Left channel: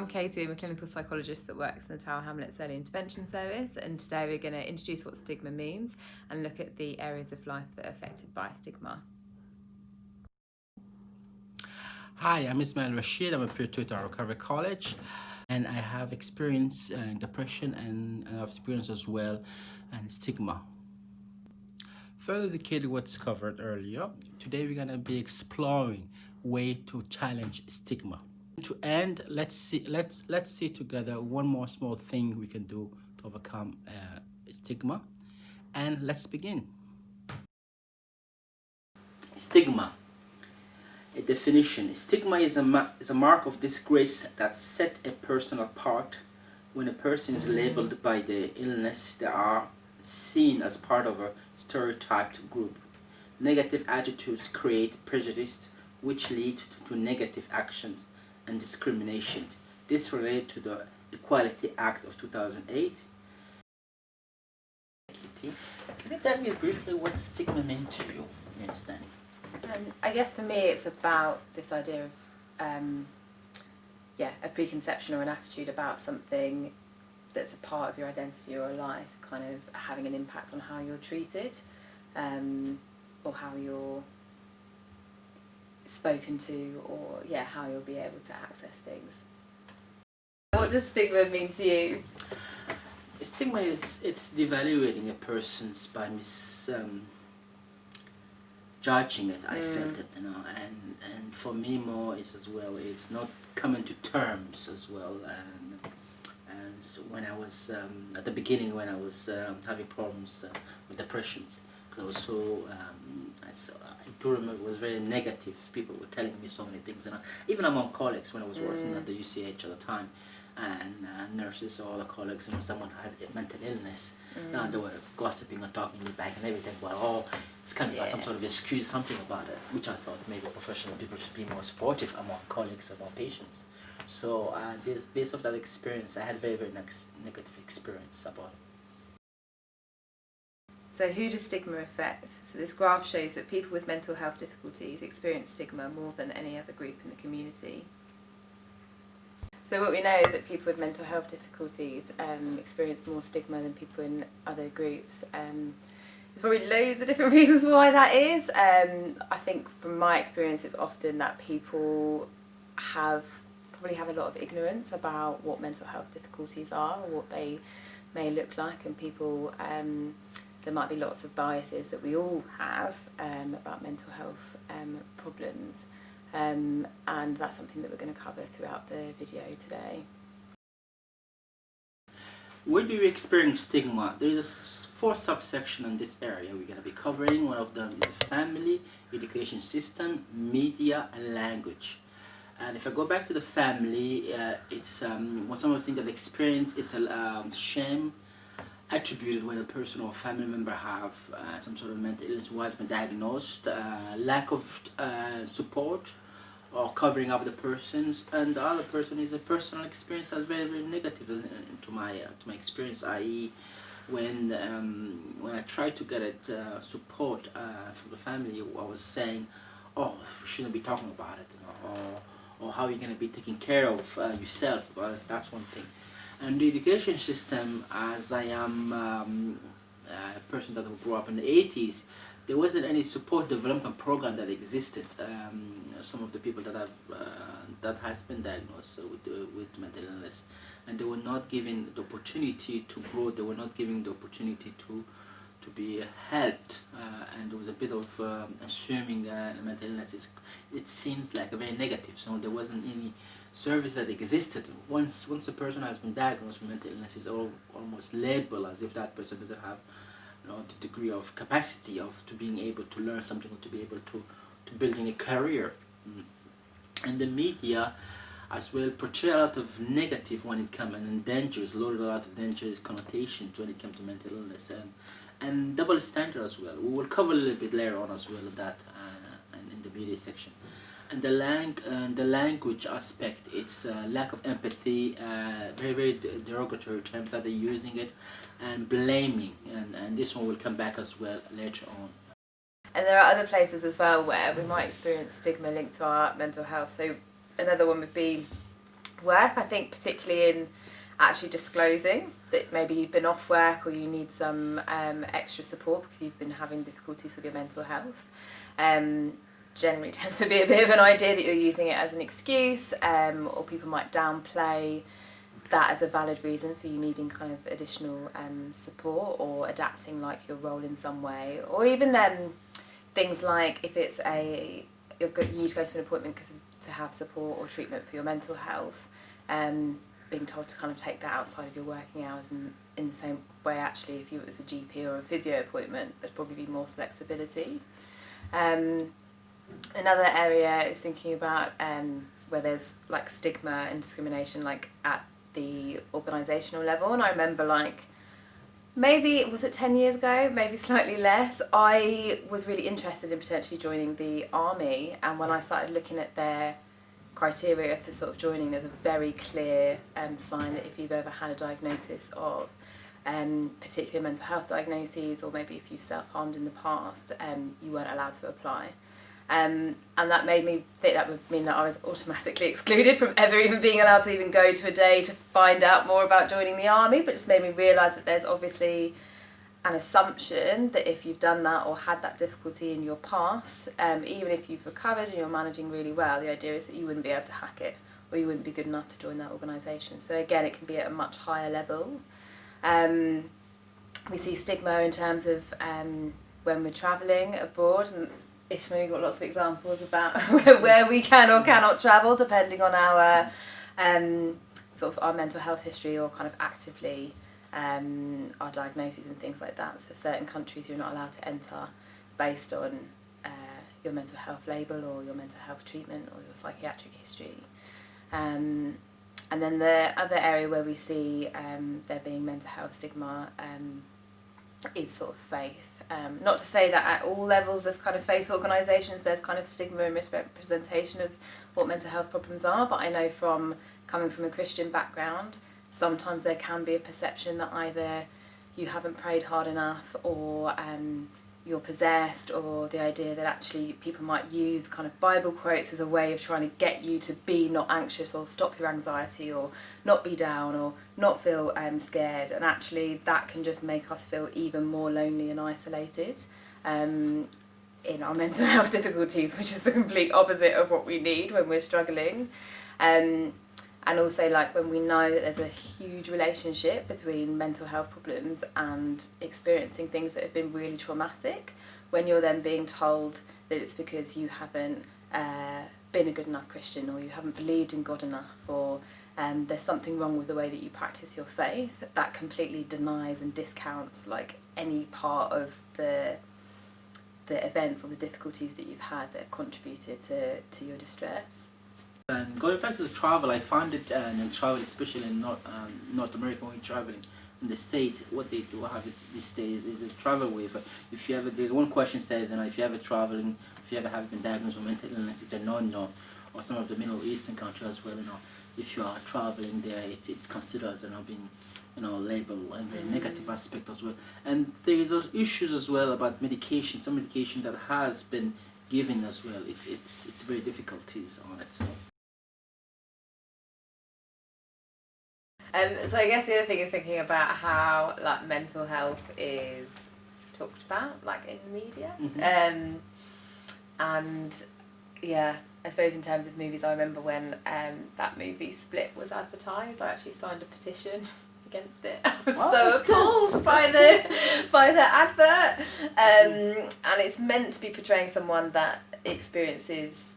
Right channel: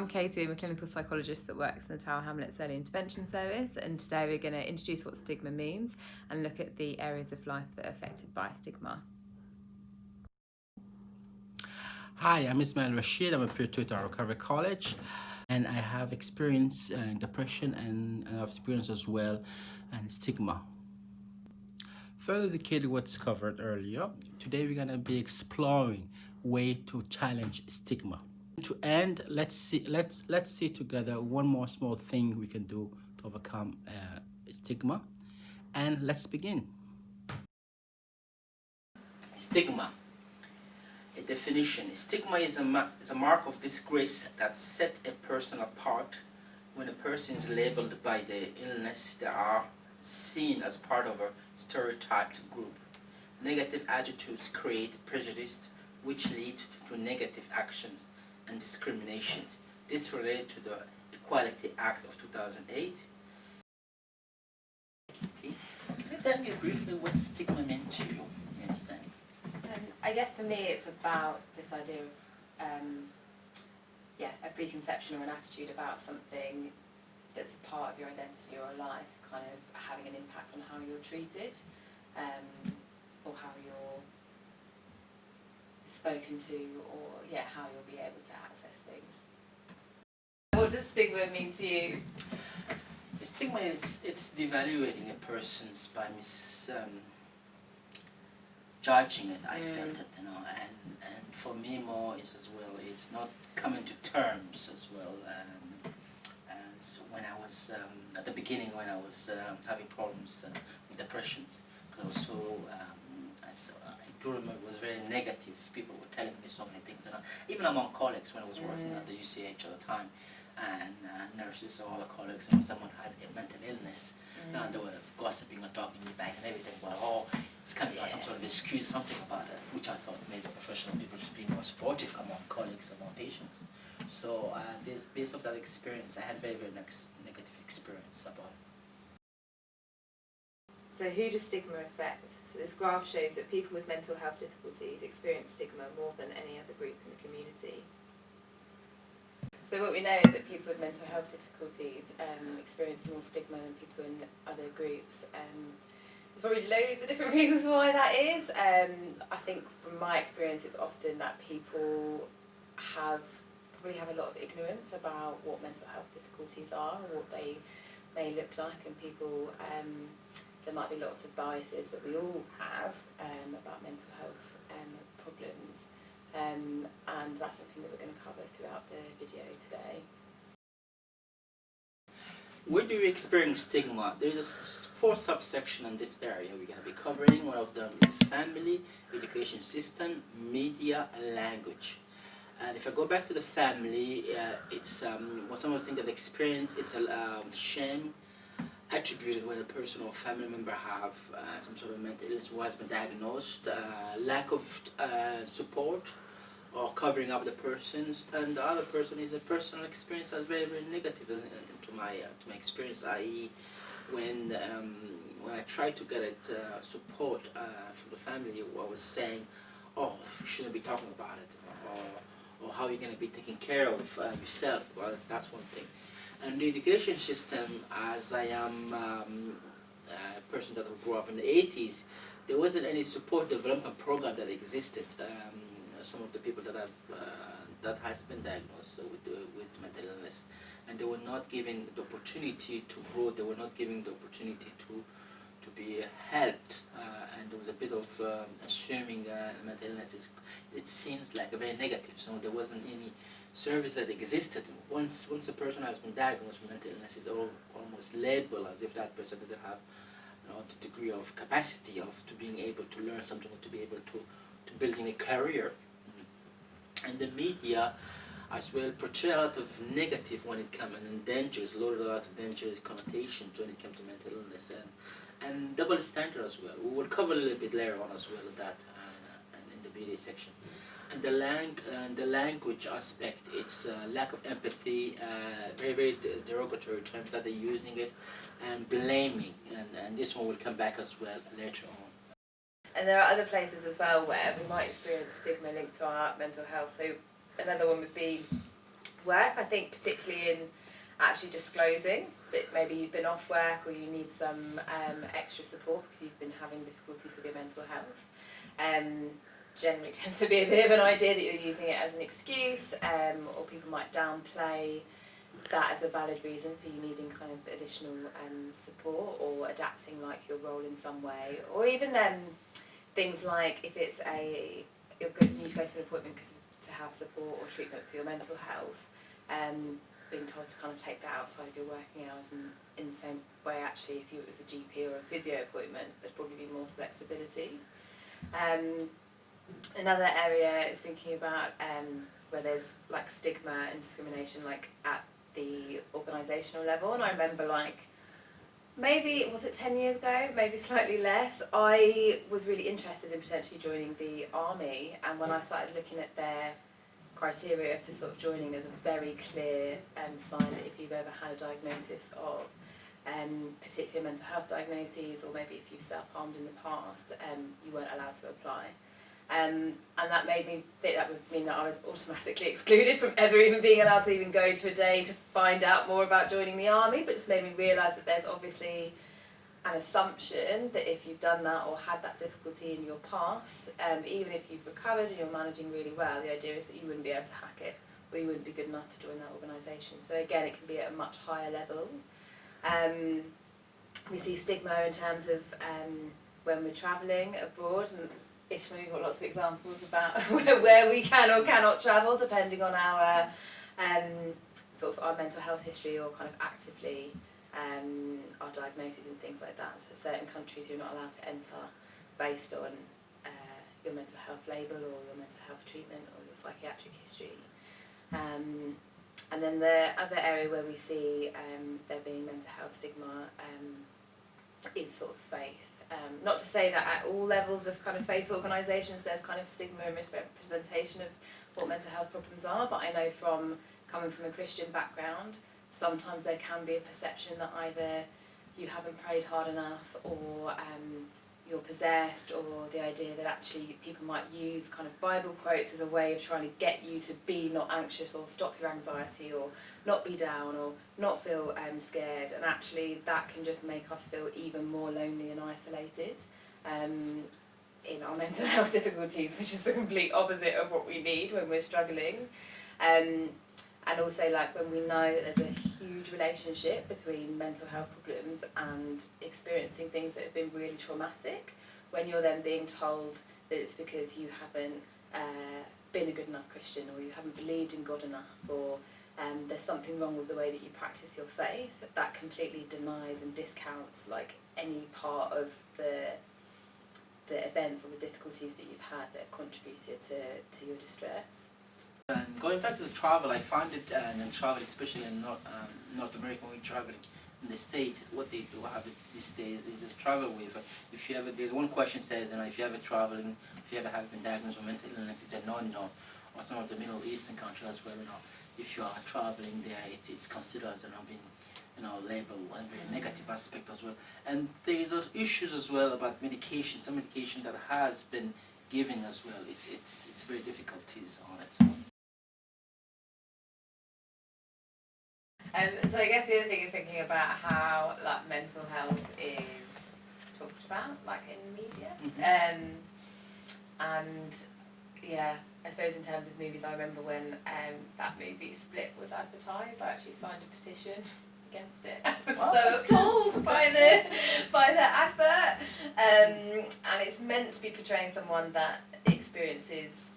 I'm Katie, I'm a clinical psychologist that works in the Tower Hamlets Early Intervention Service, and today we're going to introduce what stigma means and look at the areas of life that are affected by stigma. Hi, I'm Ismail Rashid. I'm a peer tutor at Recovery College, and I have experience in depression and I've experience as well and stigma. Further dedicated what's covered earlier, today we're gonna be exploring way to challenge stigma. To end, let's see together one more small thing we can do to overcome stigma, and let's begin. Stigma. A definition. Stigma is a mark of disgrace that set a person apart. When a person is labeled by the illness, they are seen as part of a stereotyped group. Negative attitudes create prejudice, which lead to negative actions and discrimination. This related to the Equality Act of 2008. Kitty, can you tell me briefly what stigma meant to you? You understand? I guess for me it's about this idea of a preconception or an attitude about something that's a part of your identity or a life kind of having an impact on how you're treated, or how you're spoken to, or how you'll be able to access things. What does stigma mean to you? Stigma, it's devaluating a person's by judging it. I felt it, and for me more is as well. It's not coming to terms as well. And so when I was at the beginning, when I was having problems with depressions, because I was so I do remember it was very negative. People were telling me so many things, and even among colleagues when I was working at the UCH at the time, and nurses or other colleagues, someone has a mental illness. Now they were gossiping and talking me back and everything. Well, it's kind of like some sort of excuse, something about it, which I thought maybe professional people should be more supportive among colleagues, among patients. So based off that experience, I had very, very negative experience about it. So who does stigma affect? So this graph shows that people with mental health difficulties experience stigma more than any other group in the community. So what we know is that people with mental health difficulties experience more stigma than people in other groups. There's probably loads of different reasons why that is. I think from my experience it's often that people probably have a lot of ignorance about what mental health difficulties are or what they may look like, and people there might be lots of biases that we all have about mental health problems. And that's something that we're going to cover throughout the video today. Where do you experience stigma? There's a 4 subsections in this area we're going to be covering. One of them is the family, education system, media, and language. And if I go back to the family, it's some of the things that I experience is shame attributed when a person or family member have some sort of mental illness who has been diagnosed, lack of support or covering up the persons, and the other person is a personal experience that's very, very negative to my experience, i.e. when I tried to get it support from the family, I was saying, oh, you shouldn't be talking about it, or how you're going to be taking care of yourself. Well, that's one thing. And the education system, as I am a person that grew up in the 80s, there wasn't any support development program that existed. Some of the people that has been diagnosed with mental illness, and they were not given the opportunity to grow. They were not given the opportunity to be helped, and there was a bit of assuming mental illness it seems like a very negative. So there wasn't any service that existed. Once a person has been diagnosed with mental illness, it's almost labeled as if that person doesn't have the degree of capacity to being able to learn something or to be able to build in a career. And the media as well portray a lot of negative when it comes, and dangers, loaded a lot of dangerous connotations when it comes to mental illness, and double standard as well. We will cover a little bit later on as well that in the media section. And the language aspect, it's lack of empathy, very, very derogatory terms that they're using it, and blaming, and this one will come back as well later on. And there are other places as well where we might experience stigma linked to our mental health. So another one would be work. I think particularly in actually disclosing that maybe you've been off work or you need some extra support because you've been having difficulties with your mental health. Generally tends to be a bit of an idea that you're using it as an excuse, or people might downplay that as a valid reason for you needing kind of additional support or adapting like your role in some way, or even things like if it's you need to go to an appointment to have support or treatment for your mental health, being told to kind of take that outside of your working hours, and in the same way actually if it was a GP or a physio appointment there'd probably be more flexibility. Another area is thinking about where there's like stigma and discrimination like at the organisational level, and I remember like maybe, was it 10 years ago, maybe slightly less, I was really interested in potentially joining the army, and when I started looking at their criteria for sort of joining, there's a very clear sign that if you've ever had a diagnosis of particular mental health diagnoses, or maybe if you self-harmed in the past, you weren't allowed to apply. And that made me think that would mean that I was automatically excluded from ever even being allowed to even go to a day to find out more about joining the army, but just made me realise that there's obviously an assumption that if you've done that or had that difficulty in your past, even if you've recovered and you're managing really well, the idea is that you wouldn't be able to hack it, or you wouldn't be good enough to join that organisation. So again, it can be at a much higher level. We see stigma in terms of when we're travelling abroad, and Ishmael, you've got lots of examples about where we can or cannot travel depending on our sort of our mental health history, or kind of actively our diagnoses and things like that. So certain countries you're not allowed to enter based on your mental health label or your mental health treatment or your psychiatric history. And then the other area where we see there being mental health stigma is sort of faith. Not to say that at all levels of kind of faith organisations there's kind of stigma and misrepresentation of what mental health problems are, but I know from coming from a Christian background, sometimes there can be a perception that either you haven't prayed hard enough, or you're possessed, or the idea that actually people might use kind of Bible quotes as a way of trying to get you to be not anxious, or stop your anxiety, or not be down, or not feel scared, and actually that can just make us feel even more lonely and isolated in our mental health difficulties, which is the complete opposite of what we need when we're struggling. And also, like, when we know that there's a huge relationship between mental health problems and experiencing things that have been really traumatic, when you're then being told that it's because you haven't been a good enough Christian, or you haven't believed in God enough, or there's something wrong with the way that you practice your faith, that completely denies and discounts like any part of the events or the difficulties that you've had that have contributed to your distress. And going back to the travel, I found it in travel, especially in North America, when you're traveling in the States, what they do have it these days is a travel waiver. If you ever, there's one question says, if you ever traveling, if you ever have been diagnosed with mental illness, it's a no-no. Or some of the Middle Eastern countries as well, if you are traveling there, it's considered as being, labeled and very negative aspect as well. And there is those issues as well about medication. Some medication that has been given as well. It's very difficulties on it. So I guess the other thing is thinking about how like mental health is talked about like in the media. Mm-hmm. And yeah, I suppose in terms of movies, I remember when that movie Split was advertised, I actually signed a petition against it. I was so appalled by the advert. And it's meant to be portraying someone that experiences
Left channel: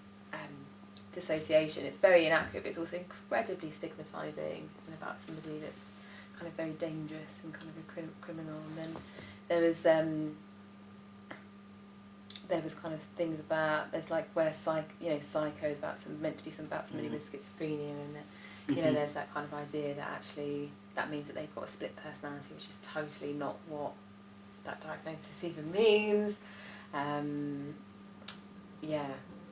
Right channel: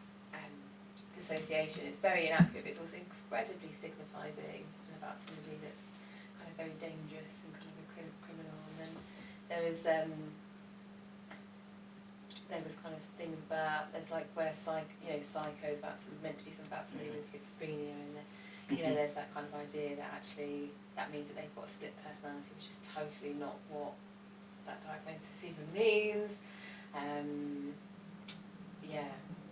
dissociation. It's very inaccurate, but it's also incredibly stigmatising, and about somebody that's kind of very dangerous and kind of a criminal. And then there was kind of things about, there's like where Psycho is about meant to be about somebody with schizophrenia, and there's that kind of idea that actually that means that they've got a split personality, which is totally not what that diagnosis even means.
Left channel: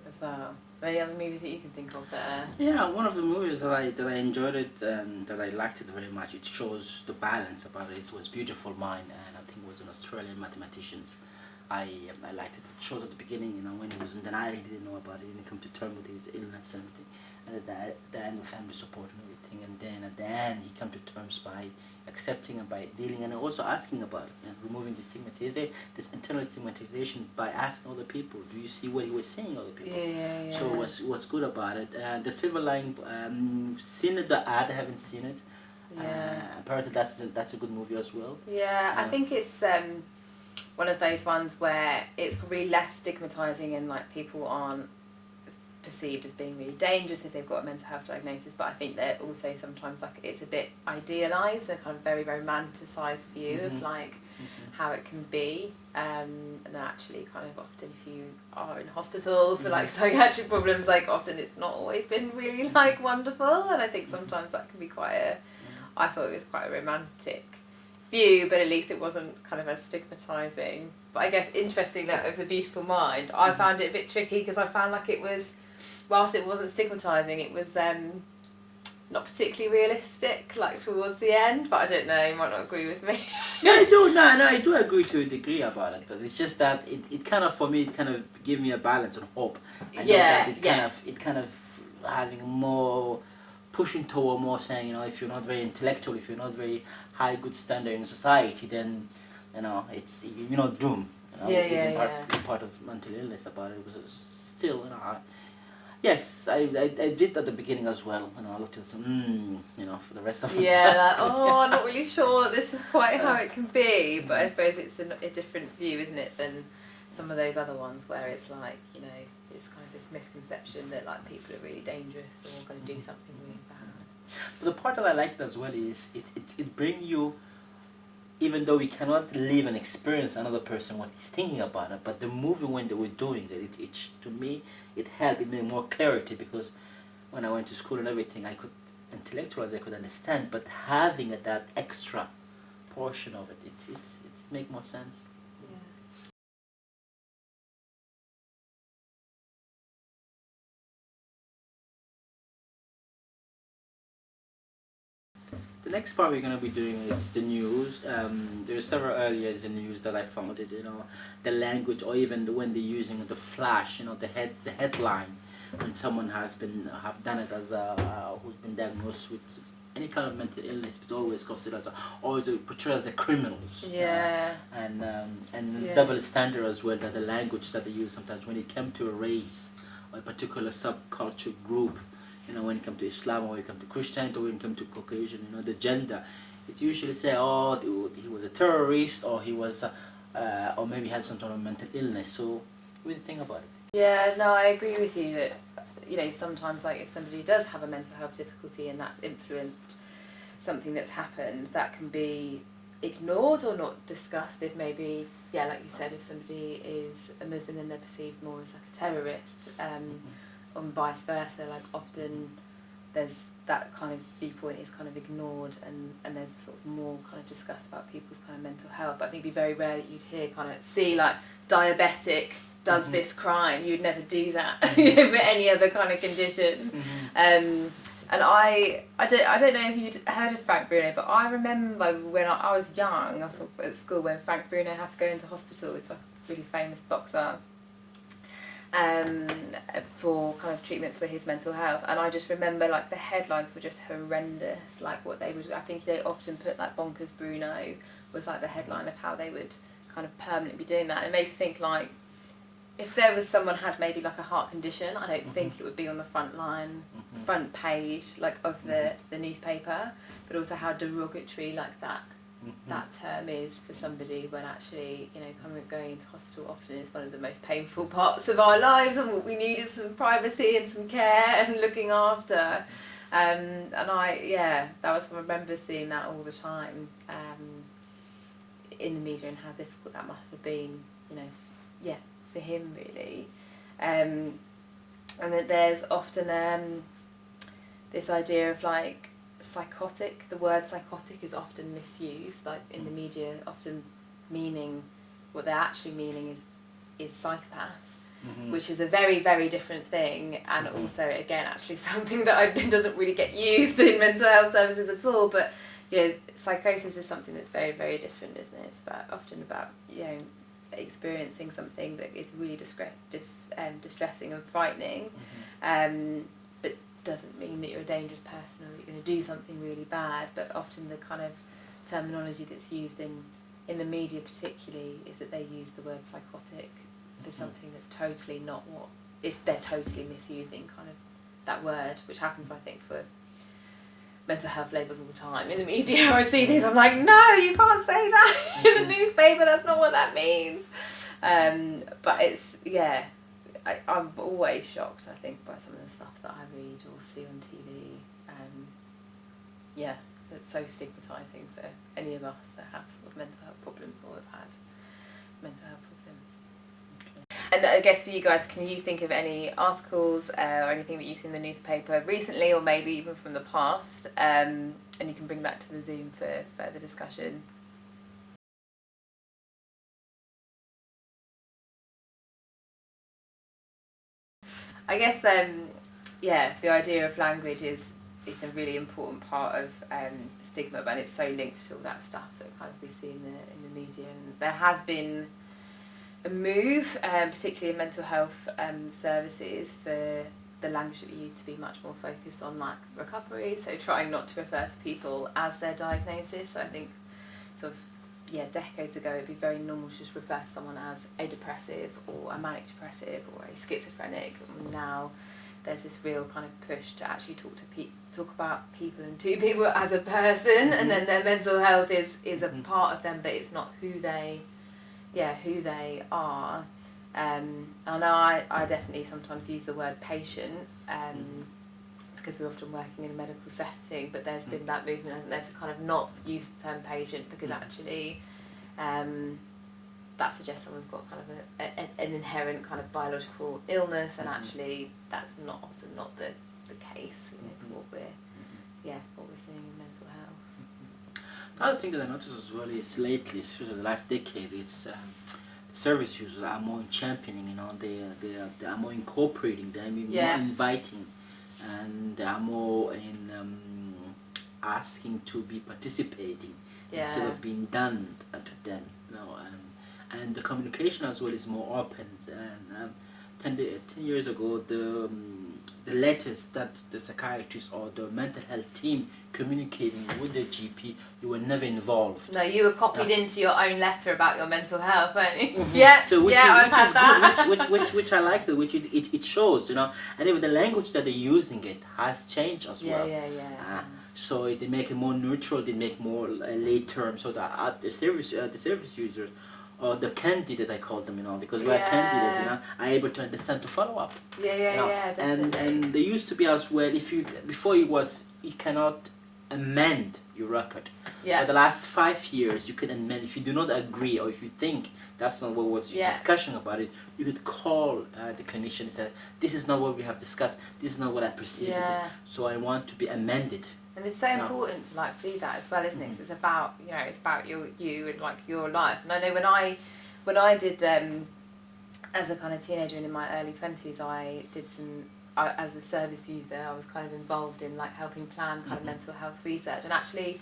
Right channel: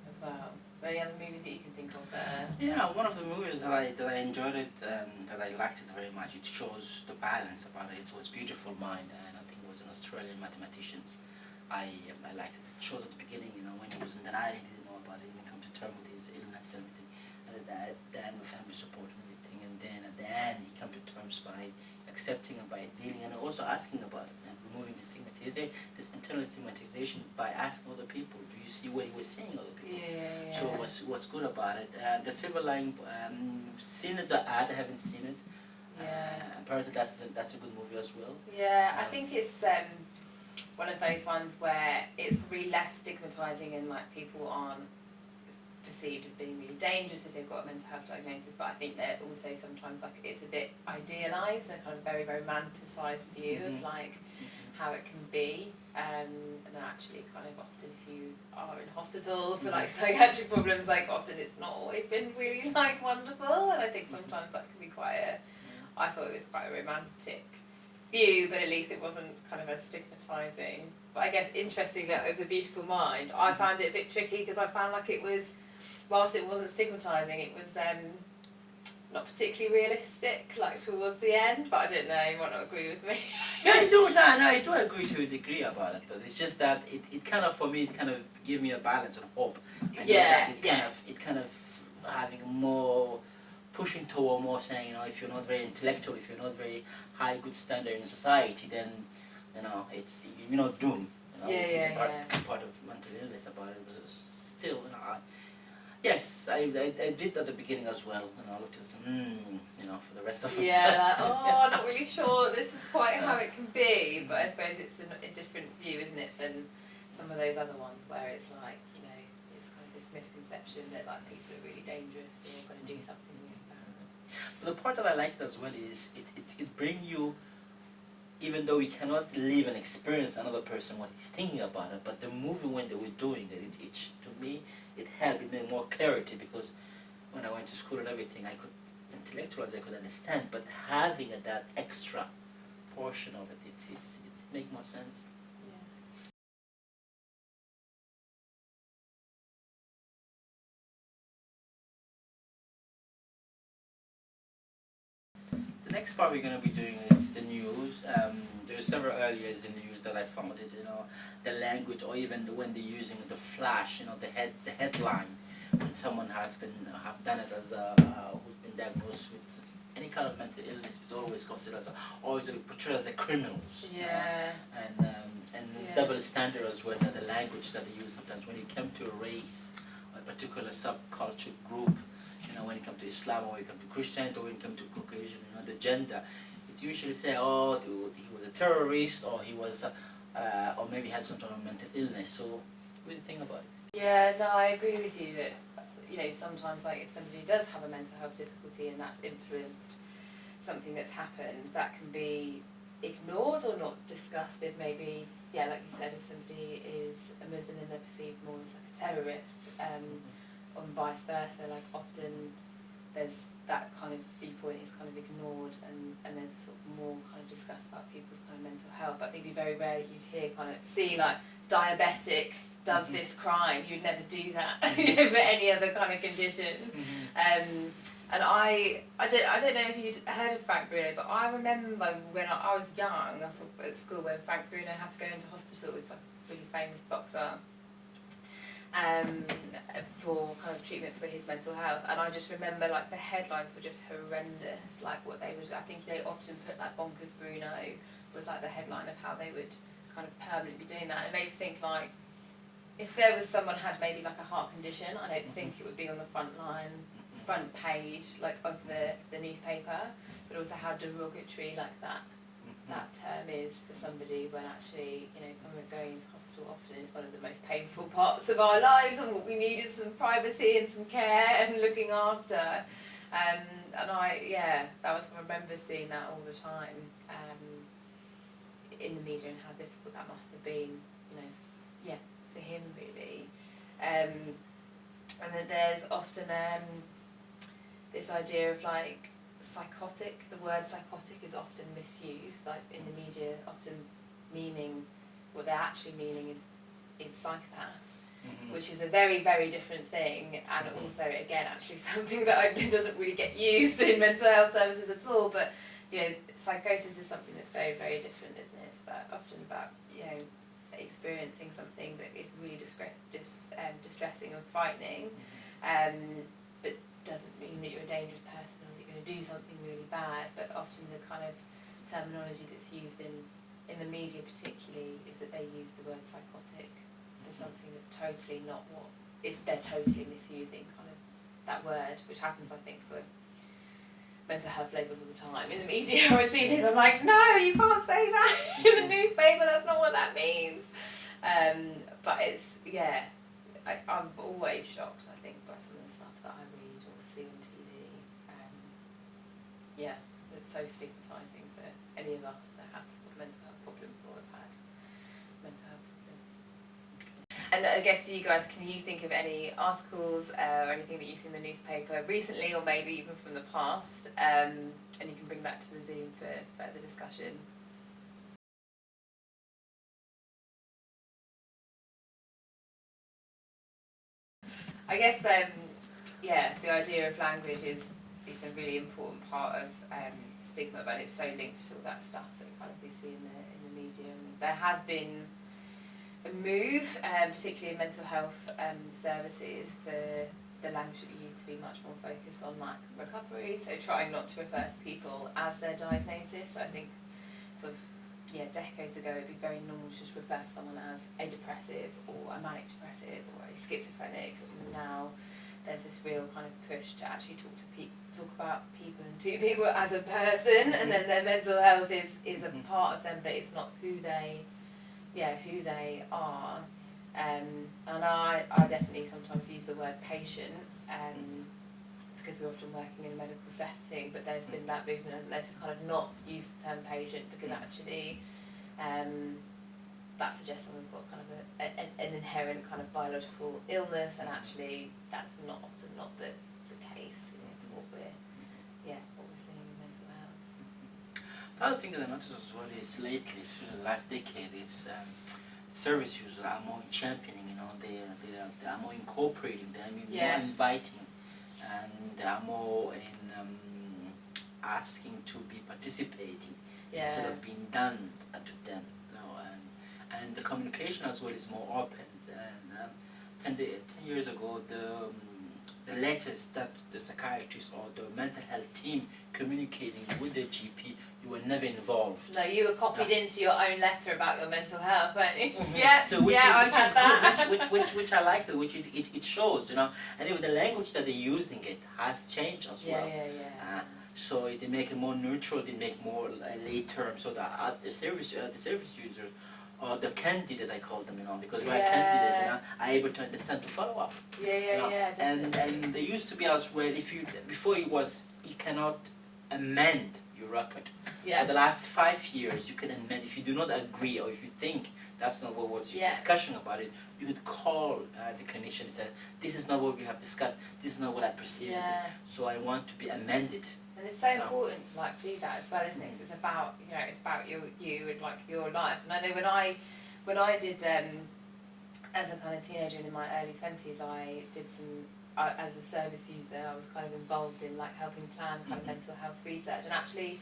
As well. Any other movies that you can think of there? Yeah, one of the movies that I enjoyed it and that I liked it very much. It shows the balance about it. It was Beautiful Mind, and I think it was an Australian mathematicians. I liked it. It shows at the beginning, when he was in denial, he didn't know about it. He didn't come to terms with his illness and everything. And at the end, the family support and everything, and then he come to terms by accepting and by dealing and also asking about it and removing the stigmatization, this internal stigmatization by asking other people, do you see what he was saying other people? Yeah. So what's good about it? The Silver Lining, seen it, the ad, I haven't seen it. Yeah. Apparently that's a good movie as well. Yeah, I think it's one of those ones where it's really less stigmatizing and like people aren't perceived as being really dangerous if they've got a mental health diagnosis, but I think that also sometimes like it's a bit idealized, a kind of very romanticized view of like how it can be, and actually kind of often if you are in hospital for like psychiatric problems, like often it's not always been really like wonderful, and I think sometimes that can be quite I thought it was quite a romantic view, but at least it wasn't kind of as stigmatizing. But I guess interestingly, like, of The Beautiful Mind, I found it a bit tricky because I found like it was, whilst it wasn't stigmatizing, it was not particularly realistic, like towards the end. But I don't know, you might not agree with me. No, I do. No, I do agree to a degree about it, but it's just that it kind of, for me, it kind of gave me a balance and hope. I know that it kind of having more, pushing toward more saying, you know, if you're not very intellectual, if you're not very high good standard in society, then, you know, it's, you know, doom. You know, part of mental illness about it was still, you know, yes, I did at the beginning as well, and I looked at some, you know, for the rest of it. Yeah, like, I'm not really sure that this is quite how it can be, but I suppose it's a different view, isn't it, than some of those other ones where it's like, you know, it's kind of this misconception that like people are really dangerous or going to do something really bad. But the part that I liked as well is it brings you, even though we cannot live and experience another person what he's thinking about it, but the movie when they were doing it to me, it helped, it made more clarity, because when I went to school and everything, I could intellectualize, I could understand, but having that extra portion of it, it make more sense. The next part we're going to be doing is the news. There's several areas in news that I found it, you know, the language, or even when they're using the flash, you know, the headline, when someone have done it as who's been diagnosed with any kind of mental illness, it's always considered as always portrayed as the criminals. Yeah. And double standard as well, that the language that they use sometimes when it comes to a race or a particular subculture group. You know, when it comes to Islam, or when it comes to Christianity, or when it comes to Caucasian, you know, the gender, it's usually say, oh, he was a terrorist, or he was, or maybe had some sort of mental illness. So, what do you think about it? Yeah, no, I agree with you that, you know, sometimes like if somebody does have a mental health difficulty and that's influenced something that's happened, that can be ignored or not discussed. If maybe, yeah, like you said, if somebody is a Muslim, then they're perceived more as like a terrorist. And vice versa, like often there's that kind of viewpoint is kind of ignored, and there's sort of more kind of discussed about people's kind of mental health. But I think it'd be very rare that you'd hear kind of see like diabetic does this crime. You'd never do that you know, for any other kind of condition. And I don't know if you'd heard of Frank Bruno, but I remember when I was young, I was at school when Frank Bruno had to go into hospital. It's like a really famous boxer. For kind of treatment for his mental health, and I just remember like the headlines were just horrendous, like what they would, I think they often put like bonkers Bruno was like the headline of how they would kind of permanently be doing that, and it makes me think like if there was someone had maybe like a heart condition, I don't think it would be on the front page like of the newspaper, but also how derogatory like that term is for somebody, when actually, you know, kind of going into hospital often is one of the most painful parts of our lives, and what we need is some privacy and some care and looking after. And that was, I remember seeing that all the time in the media, and how difficult that must have been, you know, for him really. And that there's often this idea of like psychotic. The word psychotic is often misused, like in the media, often meaning what they're actually meaning is psychopath, which is a very, very different thing, and also again actually something that doesn't really get used in mental health services at all. But you know, psychosis is something that's very, very different, isn't it? It's often about, you know, experiencing something that is really distressing and frightening. But doesn't mean that you're a dangerous person or that you're going to do something really bad, but often the kind of terminology that's used in the media particularly is that they use the word psychotic for something that's totally not what is. They're totally misusing kind of that word, which happens, I think, for mental health labels all the time in the media. I see these, I'm like, no, you can't say that in the newspaper, that's not what that means. But it's, yeah, I'm always shocked, I think, by some of the stuff that I read or see on TV. Yeah, it's so stigmatising for any of us that have sort of mental health problems or have had mental health problems. And I guess for you guys, can you think of any articles or anything that you've seen in the newspaper recently, or maybe even from the past, and you can bring that to the Zoom for further discussion? I guess, yeah, the idea of language is a really important part of stigma, but it's so linked to all that stuff that kind of we see in the media. And there has been a move, particularly in mental health services, for the language that we use to be much more focused on like recovery, so trying not to refer to people as their diagnosis. So I think sort of, yeah, decades ago it'd be very normal to just refer to someone as a depressive or a manic depressive or a schizophrenic. And now there's this real kind of push to actually talk about people and to people as a person, and then their mental health is a part of them, but it's not who they are. I know I definitely sometimes use the word patient because we're often working in a medical setting, but there's been that movement, hasn't there, to kind of not use the term patient, because actually that suggests someone's got kind of an inherent kind of biological illness, and actually that's often not the case, you know, for what we're seeing in mental health. The other thing that I noticed as well is lately, especially the last decade, it's service users are more championing, you know, they are more incorporating, they're more inviting, and they are more in asking to be participating instead of being done to them, you know, and the communication as well is more open. And 10 years ago, the letters that the psychiatrist or the mental health team communicating with the GP, you were never involved. No, you were copied into your own letter about your mental health, weren't you? So I've had that. which I like, which it shows, you know, and even the language that they're using it has changed as well. So they make it more neutral, they make more lay term, so that the service users, or the candidate, I call them, you know, because we're a candidate, you know, are able to understand, to follow up. Definitely. And there used to be as well, before you cannot amend your record. For the last 5 years, you can amend. If you do not agree, or if you think that's not what was your discussion about it, you could call the clinician and say, this is not what we have discussed, this is not what I perceived it, so I want to be amended. And it's so important to like do that as well, isn't it? It's about, you know, it's about you and like your life. And I know when I did as a kind of teenager and in my early 20s, I did as a service user, I was kind of involved in like helping plan kind of mental health research, and actually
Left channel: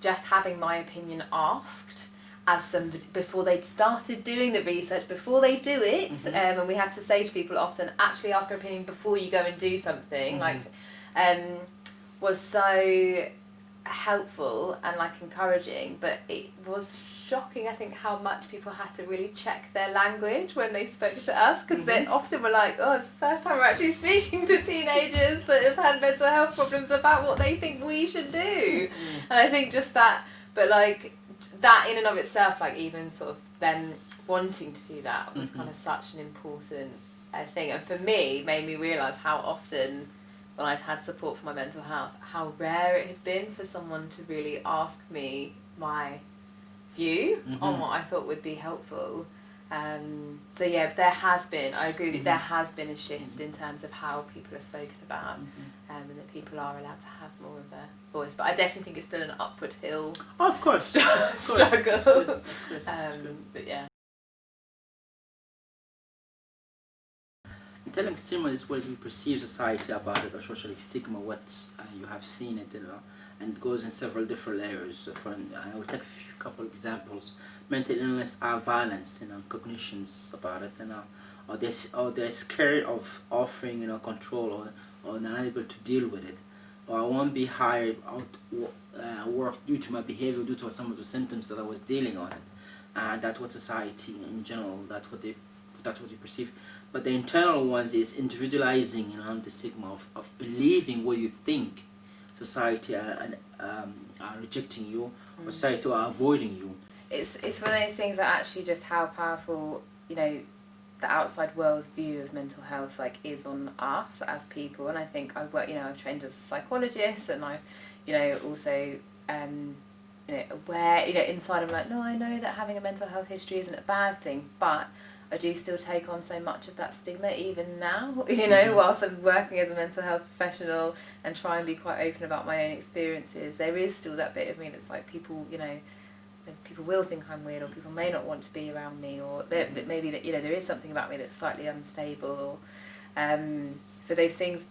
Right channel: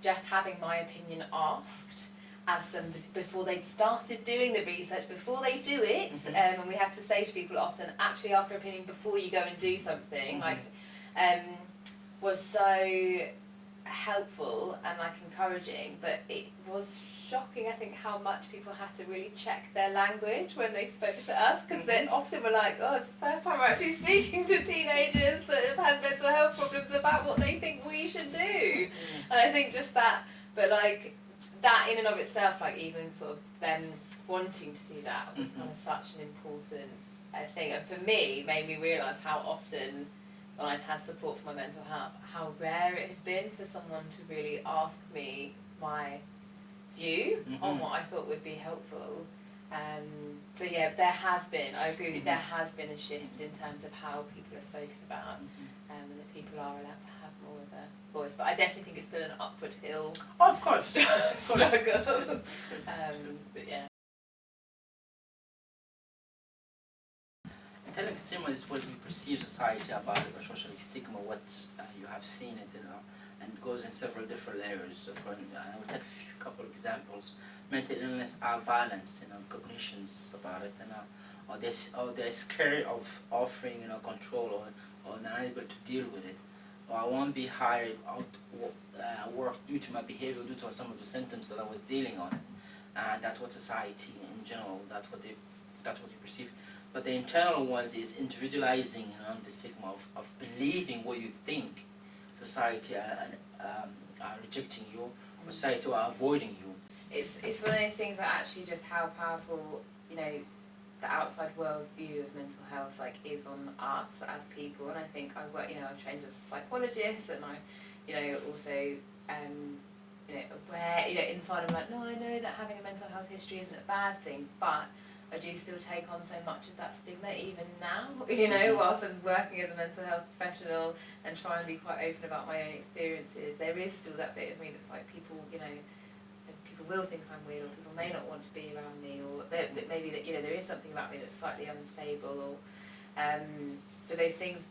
just having my opinion asked as somebody before they'd started doing the research, before they do it, and we had to say to people often, actually ask your opinion before you go and do something, was so helpful and like encouraging. But it was shocking, I think, how much people had to really check their language when they spoke to us, because they often were like, oh, it's the first time we're actually speaking to teenagers that have had mental health problems about what they think we should do. And I think just that, but like that in and of itself, like even sort of them wanting to do that was kind of such an important thing, and for me made me realise how often when I'd had support for my mental health, how rare it had been for someone to really ask me my view on what I thought would be helpful. So yeah, there has been, I agree with you, there has been a shift in terms of how people are spoken about, and that people are allowed to have more of a voice. But I definitely think it's still an upward hill struggle. But yeah. Telling stigma is what we perceive society about it, or social stigma, what you have seen it, you know, and it goes in several different layers. I will take a couple examples. Mental illness are violence, you know, cognitions about it, you know, or they're scared of offering, you know, control or not able to deal with it, or I won't be hired out work due to my behavior, due to some of the symptoms that I was dealing on it. That's what society in general, that's what you perceive. But the internal ones is individualizing, the stigma of believing what you think society are rejecting you, or society are avoiding you. It's one of those things that actually just how powerful, the outside world's view of mental health is on us as people. And I think I work, I've trained as a psychologist, and I, also aware, inside I'm like, no, I know that having a mental health history isn't a bad thing, but I do still take on so much of that stigma even now, whilst I'm working as a mental health professional and try and be quite open about my own experiences. There is still that bit of me that's like, people, people will think I'm weird, or people may not want to be around me, or maybe that there is something about me that's slightly unstable, or so those things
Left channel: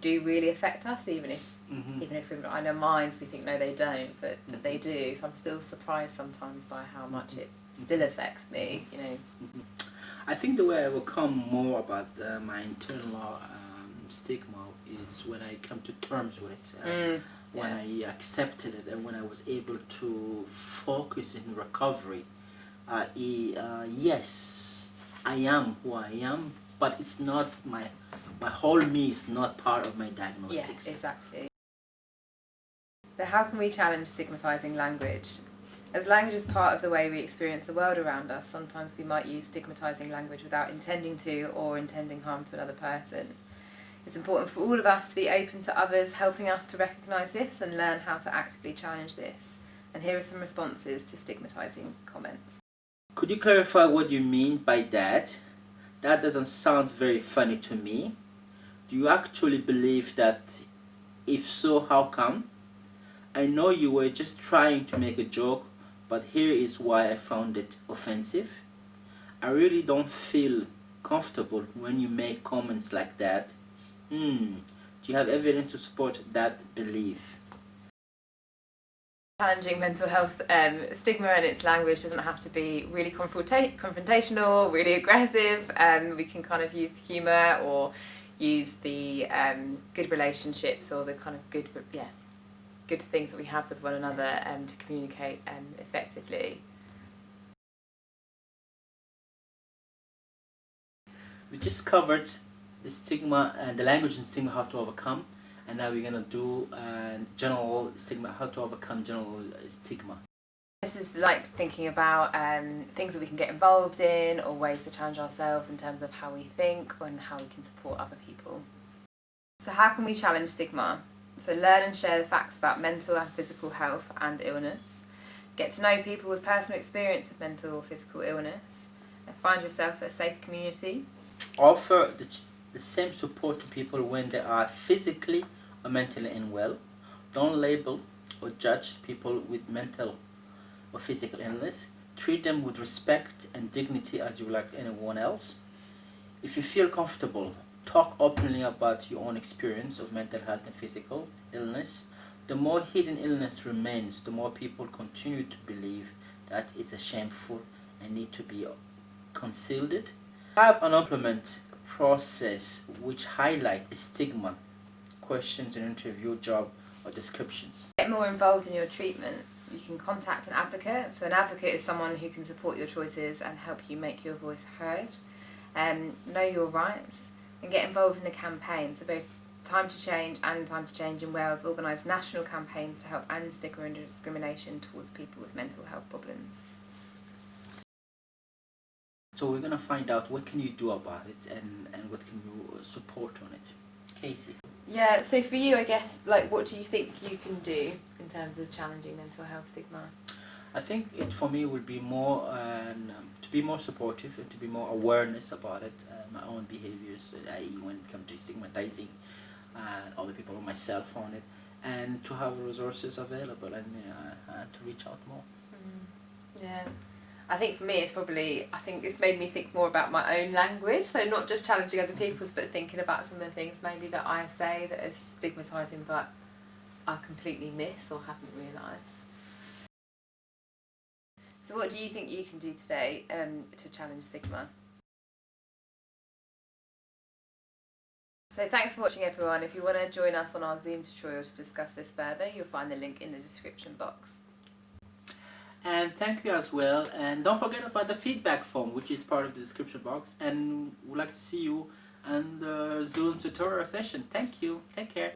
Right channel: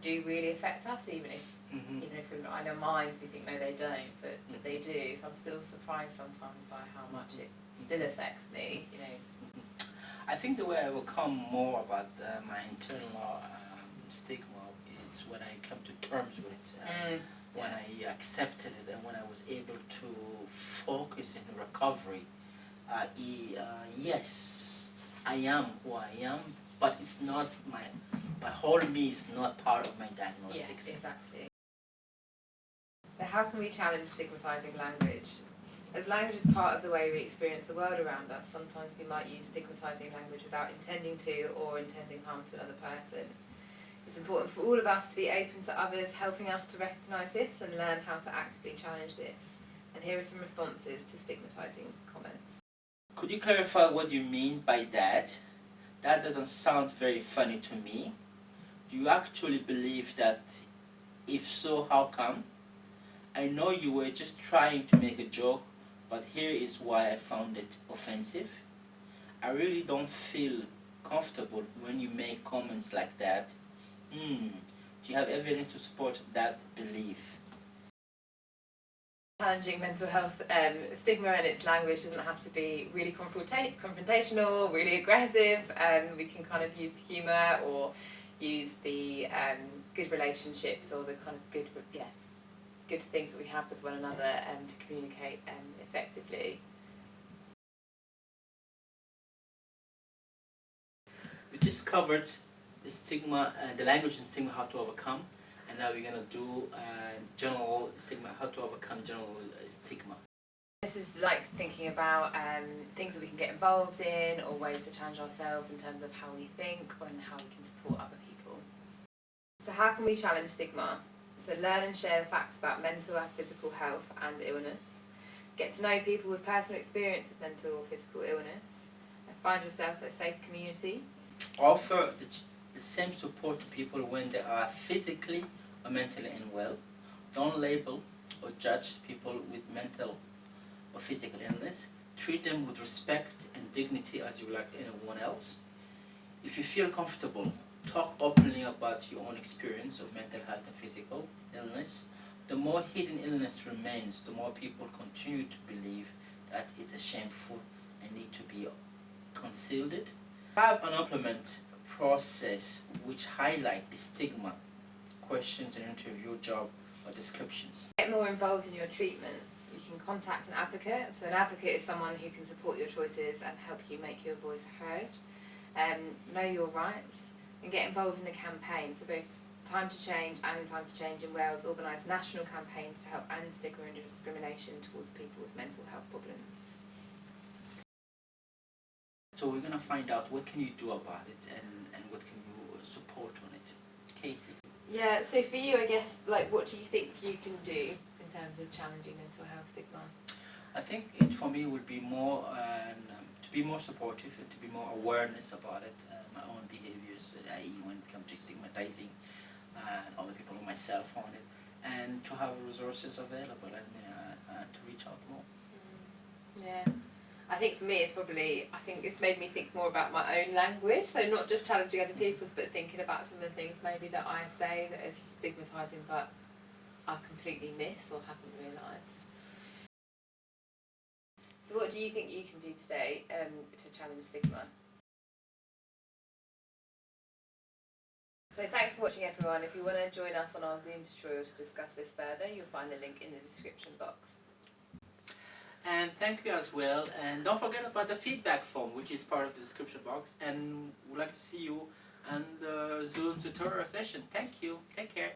do really affect us, even if we've got in our minds we think no they don't, but they do. So I'm still surprised sometimes by how much it still affects me. I think the way I overcome more about my internal stigma is when I come to terms with it. When I accepted it, and when I was able to focus in recovery. Yes, I am who I am, but it's not my whole me is not part of my diagnostics. Yeah, exactly. So how can we challenge stigmatizing language? As language is part of the way we experience the world around us, sometimes we might use stigmatizing language without intending to, or intending harm to another person. It's important for all of us to be open to others helping us to recognise this and learn how to actively challenge this. And here are some responses to stigmatising comments. Could you clarify what you mean by that? That doesn't sound very funny to me. Do you actually believe that? If so, how come? I know you were just trying to make a joke, but here is why I found it offensive. I really don't feel comfortable when you make comments like that. Do you have evidence to support that belief? Challenging mental health stigma and its language doesn't have to be really confrontational, really aggressive. We can kind of use humour, or use the good relationships, or the kind of good things that we have with one another to communicate effectively. We just covered the stigma and the language and stigma, how to overcome, and now we're gonna do general stigma, how to overcome general stigma. This is like thinking about things that we can get involved in, or ways to challenge ourselves in terms of how we think and how we can support other people. So how can we challenge stigma? So learn and share the facts about mental and physical health and illness. Get to know people with personal experience of mental or physical illness. And find yourself a safe community. Offer the same support to people when they are physically or mentally unwell. Don't label or judge people with mental or physical illness. Treat them with respect and dignity as you would like anyone else. If you feel comfortable, talk openly about your own experience of mental health and physical illness. The more hidden illness remains, the more people continue to believe that it's a shameful and need to be concealed. Have an implement process which highlight the stigma, questions in interview, job or descriptions. Get more involved in your treatment. You can contact an advocate. So an advocate is someone who can support your choices and help you make your voice heard. Know your rights, and get involved in a campaign. So both Time to Change and Time to Change in Wales organise national campaigns to help end stigma and discrimination towards people with mental health problems. So we're going to find out what can you do about it, and what can you support on it. Katie? Yeah, so for you, I guess, what do you think you can do in terms of challenging mental health stigma? I think it for me would be more to be more supportive and to be more awareness about it, my own behaviors, i.e. when it comes to stigmatizing other people or myself on it, and to have resources available, and to reach out more. Yeah. I think for me it's made me think more about my own language, so not just challenging other people's, but thinking about some of the things maybe that I say that are stigmatising but I completely miss or haven't realised. So what do you think you can do today to challenge stigma? So thanks for watching, everyone. If you want to join us on our Zoom tutorial to discuss this further, you'll find the link in the description box. And thank you as well. And don't forget about the feedback form, which is part of the description box. And we'd like to see you on the Zoom tutorial session. Thank you. Take care.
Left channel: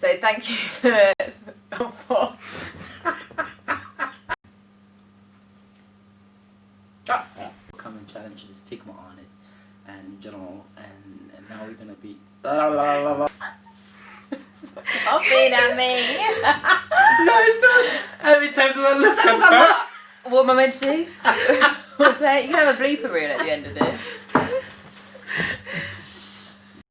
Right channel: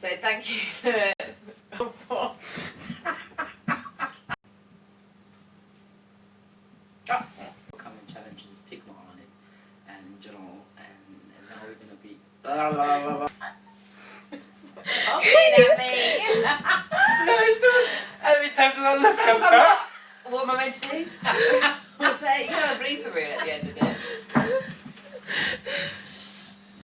So thank you for Come and challenge the stigma on it and in general. And now we're going to be... Stop being at me. No, it's not. Every time that I look So at her. what am I meant to do? What's that? You can have a blooper reel at the end of this.